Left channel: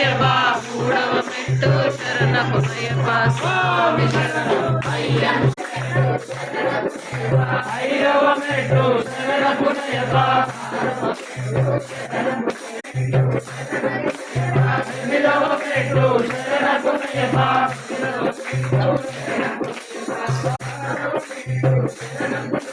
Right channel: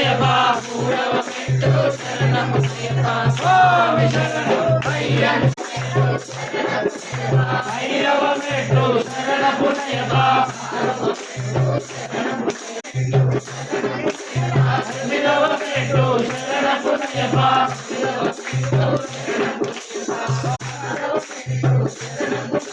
పునయపా మూడవ మెట్టు శరణ పునయపా స్వామి శరణం అయ్యప్ప ఐదవ మెట్టు శరణ పునయపా ఎనిమిదవ మెట్టు శరణ పునయపా శరణం